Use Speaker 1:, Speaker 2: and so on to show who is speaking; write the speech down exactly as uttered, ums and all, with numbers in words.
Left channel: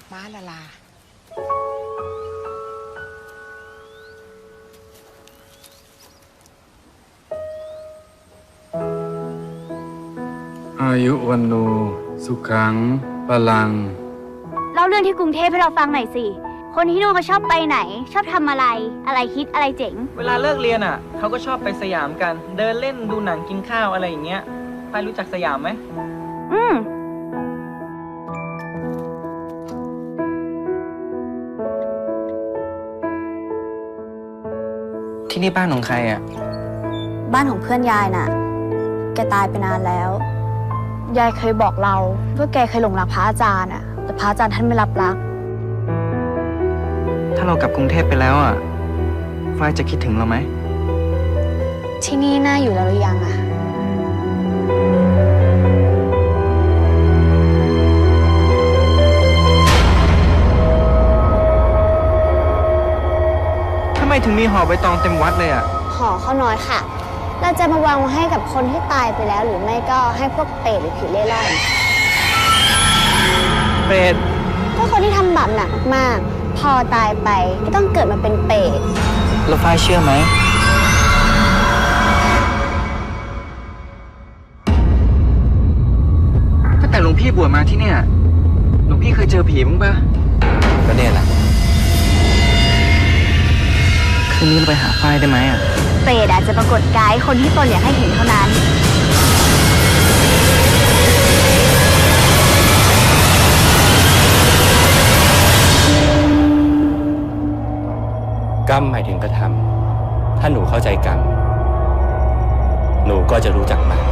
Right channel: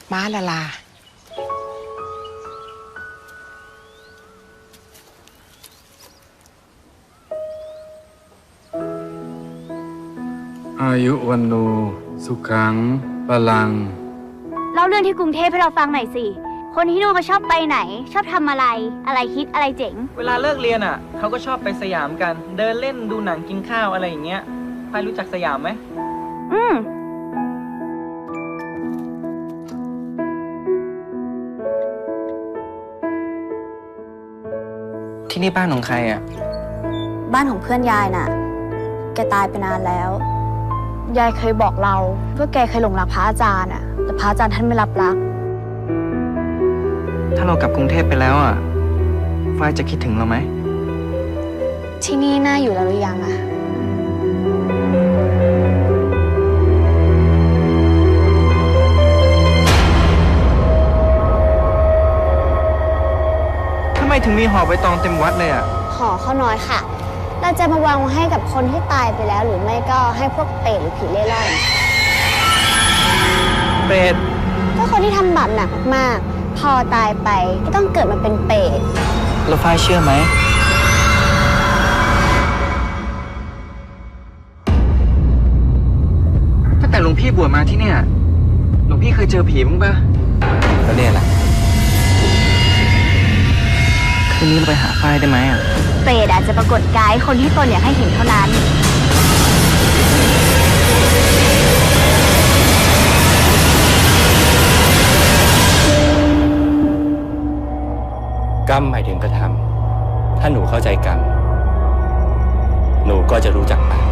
Speaker 1: ม้าละลา
Speaker 2: อายุวันโนสุขังพลัง
Speaker 3: เล่าเรื่องที่กรุงเทพให้เราฟังหน่อยสิ คนที่นู่นเขาชอบไปไหน ชอบทำอะไร อะไรฮิตอะไรเจ๋ง
Speaker 4: เวลาเลิกเรียนอ่ะเขาก็ชอบไปสยามกัน เดินเล่นดูหนังกินข้าวอะไรอย่างเงี้ยพายรู้จักสยามไหม
Speaker 3: อืม
Speaker 4: ที่นี่บ้านของใครอ่ะ
Speaker 5: บ้านของเพื่อนยายน่ะ แกตายไปนานแล้ว ยายเคยบอกเราว่าแกเคยหลงรักพระอาจารย์อะแต่พระอาจารย์ท่านไม่รับรัก
Speaker 4: ถ้าเรากลับกรุงเทพไปแล้วอ่ะฝ้ายจะคิดถึงเราไหม
Speaker 5: ที่นี่น่าอยู่แล้วหรือยังอะ
Speaker 4: ทำไมถึงมีห่อใบตองเต็มวัดเลยอ่ะ
Speaker 5: ห่อข้าวน้อยค่ะ เราจะมาวางไว้ให้กับคนที่ตายไปแล้ว หรือไม่ก็ให้พวกเปรตหรือผีเล่ร่อน
Speaker 4: เปรต
Speaker 5: ก็คนที่ทำบาปหนักมากๆ พอตายไปก็ต้องเกิดมาเป็นเปรต
Speaker 4: แล้วฝ้ายเชื่อไหม ตั้งแต่หลวงพี่บวชมาที่เนี่ย หลวงพี่เคยเจอผีบ้างปะ
Speaker 6: ก็เนี่ยแหละ
Speaker 4: คืนนี้เราไปหาฝ้ายได้ไหมอ่ะ
Speaker 3: เปรตอาจจะปรากฏกายคนที่ตนอยากให้เห็นเท่านั้น
Speaker 6: กรรมหมายถึงกระทำ ถ้าหนูเข้าใจกรรม หนูก็จะรู้จักบาป